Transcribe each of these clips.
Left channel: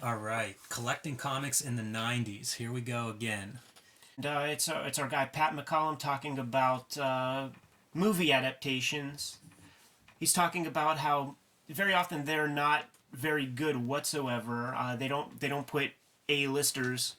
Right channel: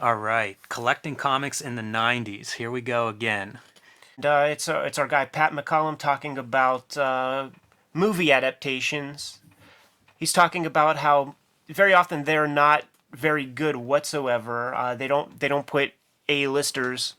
All right, collecting comics in the 90s. Here we go again. And, it's our guy Pat McCollum talking about movie adaptations. He's talking about how very often they're not very good whatsoever. They don't put A-listers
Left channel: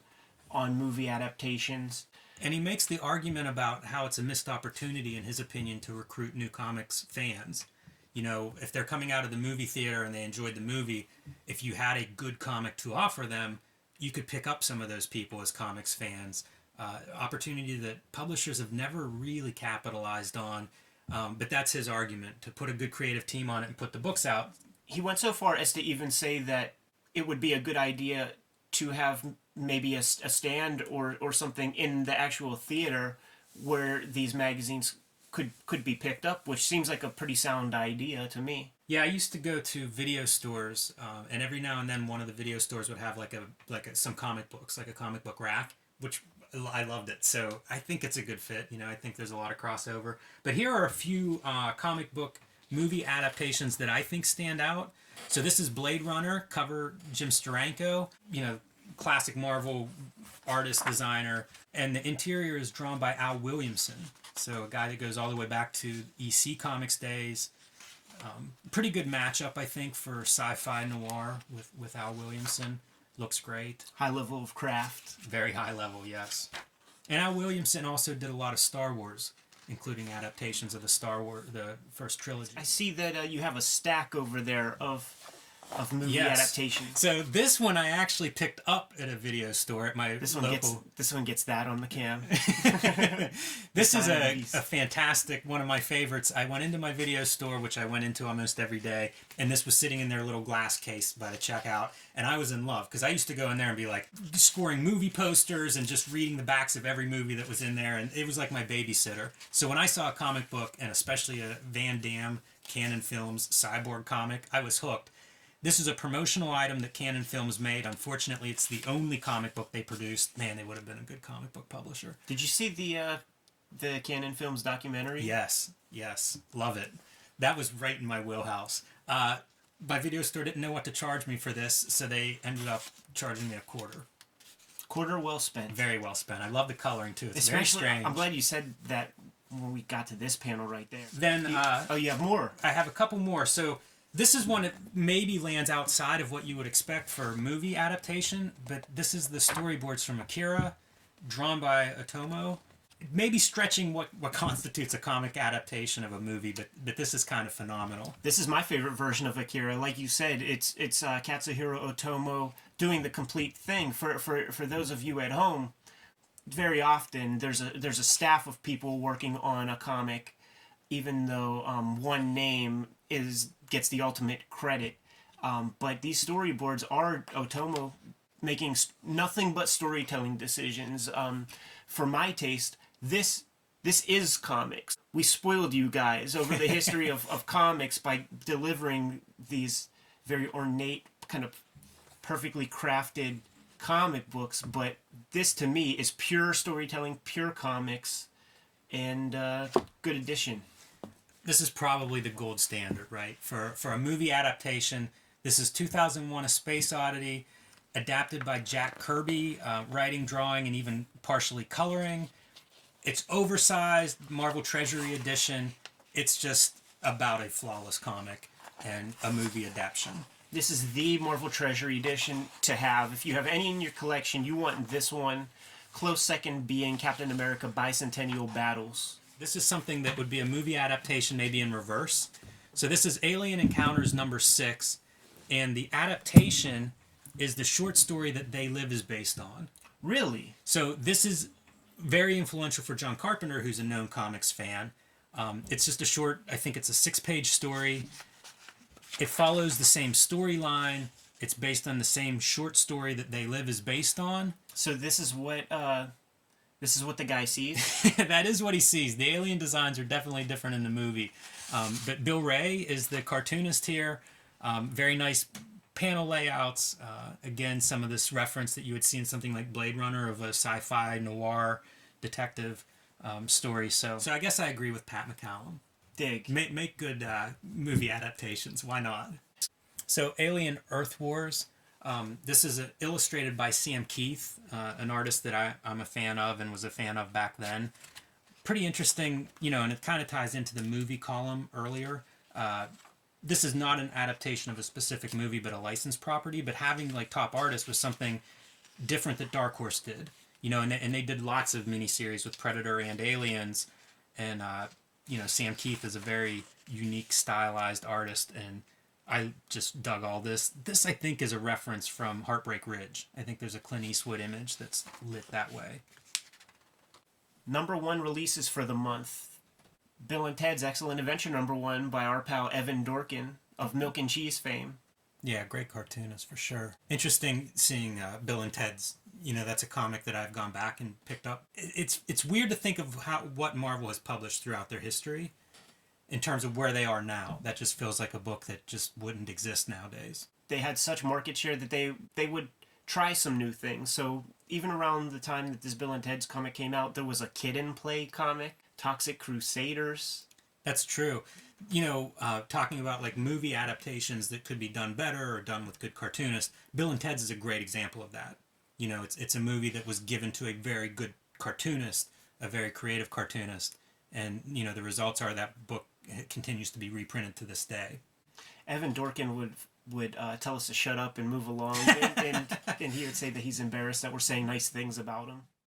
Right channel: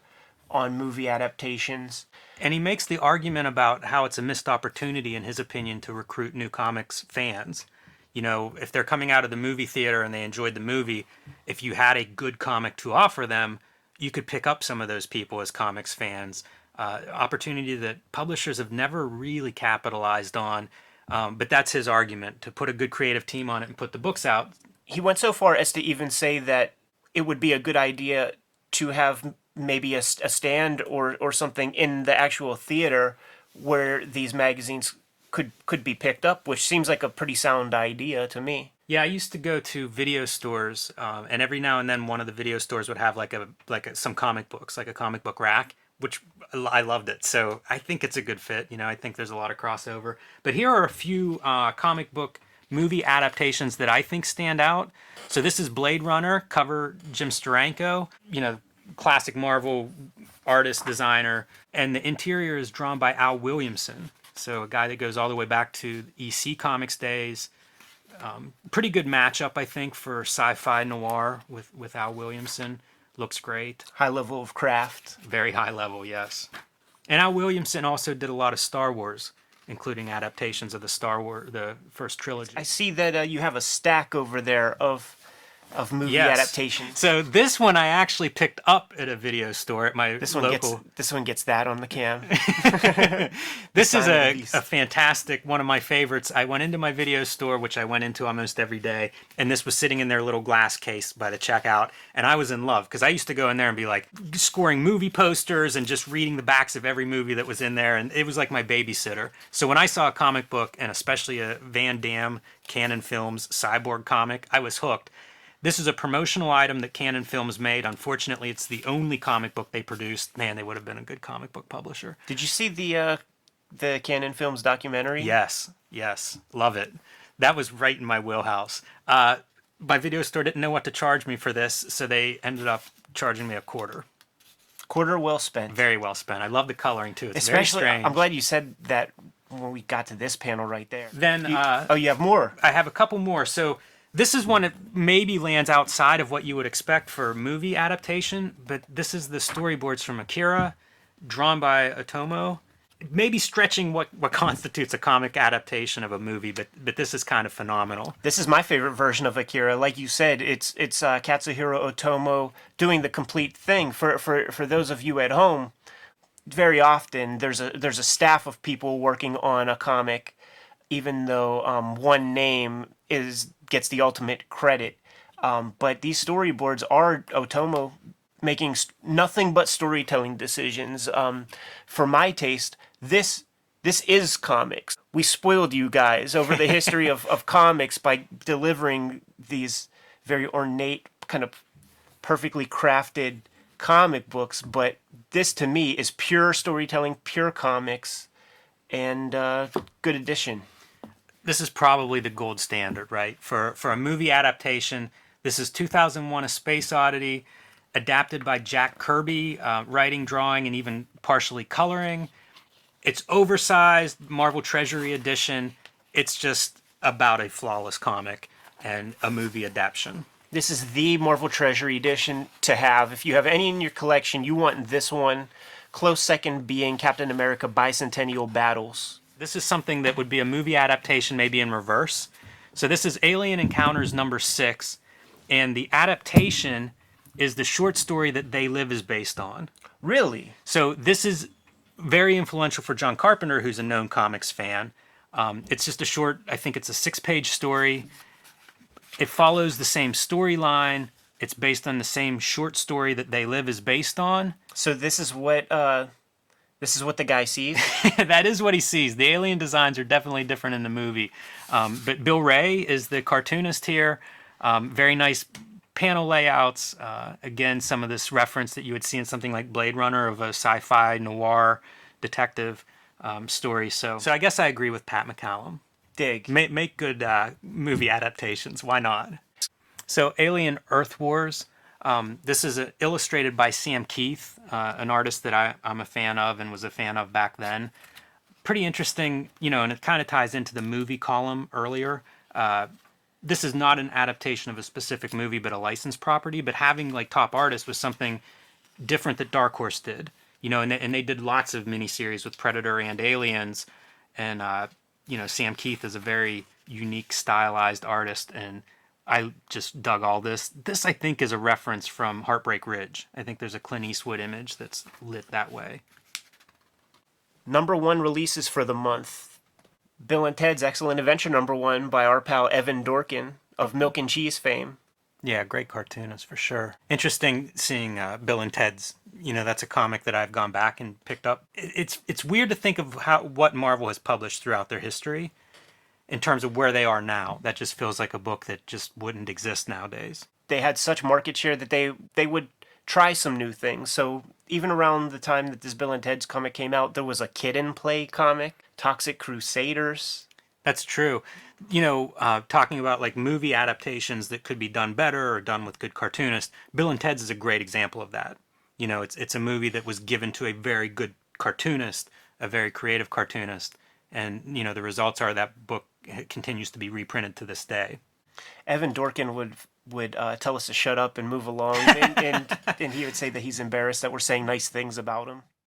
on movie adaptations. And he makes the argument about how it's a missed opportunity, in his opinion, to recruit new comics fans. You know, if they're coming out of the movie theater and they enjoyed the movie, if you had a good comic to offer them, you could pick up some of those people as comics fans. Opportunity that publishers have never really capitalized on. But that's his argument, to put a good creative team on it and put the books out. He went so far as to even say that it would be a good idea to have maybe a stand or something in the actual theater where these magazines could be picked up, which seems like a pretty sound idea to me. Yeah, I used to go to video stores, and every now and then one of the video stores would have some comic books, like a comic book rack, which I loved it. So I think it's a good fit. You know, I think there's a lot of crossover. But here are a few comic book movie adaptations that I think stand out. So this is Blade Runner, cover Jim Steranko, you know, classic Marvel artist, designer. And the interior is drawn by Al Williamson. So a guy that goes all the way back to EC Comics days. Pretty good matchup, I think, for sci-fi noir with Al Williamson. Looks great. High level of craft. Very high level, yes. And Al Williamson also did a lot of Star Wars, including adaptations of the first trilogy. I see that you have a stack over there of movie Yes. adaptations. So this one I actually picked up at a video store at my This one local. gets that on the cam. This is Sign of a the beast. fantastic, one of my favorites. I went into my video store, which I went into almost every day, and this was sitting in their little glass case by the checkout, and I was in love because I used to go in there and be like scoring movie posters and just reading the backs of every movie that was in there, and it was like my babysitter. So when I saw a comic book, and especially a Van Damme Canon Films Cyborg comic, I was hooked. This is a promotional item that Canon Films made. Unfortunately, it's the only comic book they produced. Man, they would have been a good comic book publisher. Did you see the Canon Films documentary? Yes, yes, love it. That was right in my wheelhouse. My video store didn't know what to charge me for this, so they ended up charging me a quarter. Quarter well spent. Very well spent. I love the coloring too. It's Especially, very strange. I'm glad you said that when we got to this panel right there. Then You have more. I have a couple more. So this is one that maybe lands outside of what you would expect for movie adaptation, but this is the storyboards from Akira, drawn by Otomo. Maybe stretching what constitutes a comic adaptation of a movie, but this is kind of phenomenal. This is my favorite version of Akira. Like you said, it's Katsuhiro Otomo doing the complete thing. For those of you at home, very often there's a staff of people working on a comic, even though one name gets the ultimate credit. But these storyboards are Otomo making nothing but storytelling decisions. For my taste, this is comics. We spoiled you guys over the history of comics by delivering these very ornate, kind of perfectly crafted comic books. But this, to me, is pure storytelling, pure comics, and good addition. This is probably the gold standard, right? For a movie adaptation, this is 2001: A Space Oddity, adapted by Jack Kirby, writing, drawing, and even partially coloring. It's oversized, Marvel Treasury edition. It's just about a flawless comic and a movie adaptation. This is the Marvel Treasury edition to have. If you have any in your collection, you want this one. Close second being Captain America Bicentennial Battles. This is something that would be a movie adaptation, maybe in reverse. So this is Alien Encounters number 6, and the adaptation is the short story that They Live is based on. Really? So this is very influential for John Carpenter, who's a known comics fan. It's just a short, I think it's a 6-page story. It follows the same storyline. It's based on the same short story that They Live is based on. So this is what the guy sees? That is what he sees. The alien designs are definitely different in the movie. But Bill Ray is the cartoonist here. Very nice panel layouts. Again, some of this reference that you would see in something like Blade Runner of a sci-fi noir detective story. So I guess I agree with Pat McCallum. Dig. Make good movie adaptations. Why not? So Alien Earth Wars. This is illustrated by Sam Keith, an artist that I'm a fan of and was a fan of back then. Pretty interesting, and it kind of ties into the movie column earlier. This is not an adaptation of a specific movie, but a licensed property. But having like top artists was something different that Dark Horse did, and they did lots of miniseries with Predator and Aliens, and Sam Keith is a very unique, stylized artist, and I just dug all this. This, I think, is a reference from Heartbreak Ridge. I think there's a Clint Eastwood image that's lit that way. #1 releases for the month. Bill and Ted's Excellent Adventure #1 by our pal Evan Dorkin of Milk and Cheese fame. Yeah, great cartoonist for sure. Interesting seeing Bill and Ted's. That's a comic that I've gone back and picked up. It's weird to think of what Marvel has published throughout their history in terms of where they are now. That just feels like a book that just wouldn't exist nowadays. They had such market share that they would try some new things. So even around the time that this Bill and Ted's comic came out, there was a Kid and Play comic, Toxic Crusaders. That's true. Talking about like movie adaptations that could be done better or done with good cartoonists, Bill and Ted's is a great example of that. It's a movie that was given to a very good cartoonist, a very creative cartoonist, and the results are that book continues to be reprinted to this day. Evan Dorkin would tell us to shut up and move along, and he would say that he's embarrassed that we're saying nice things about him.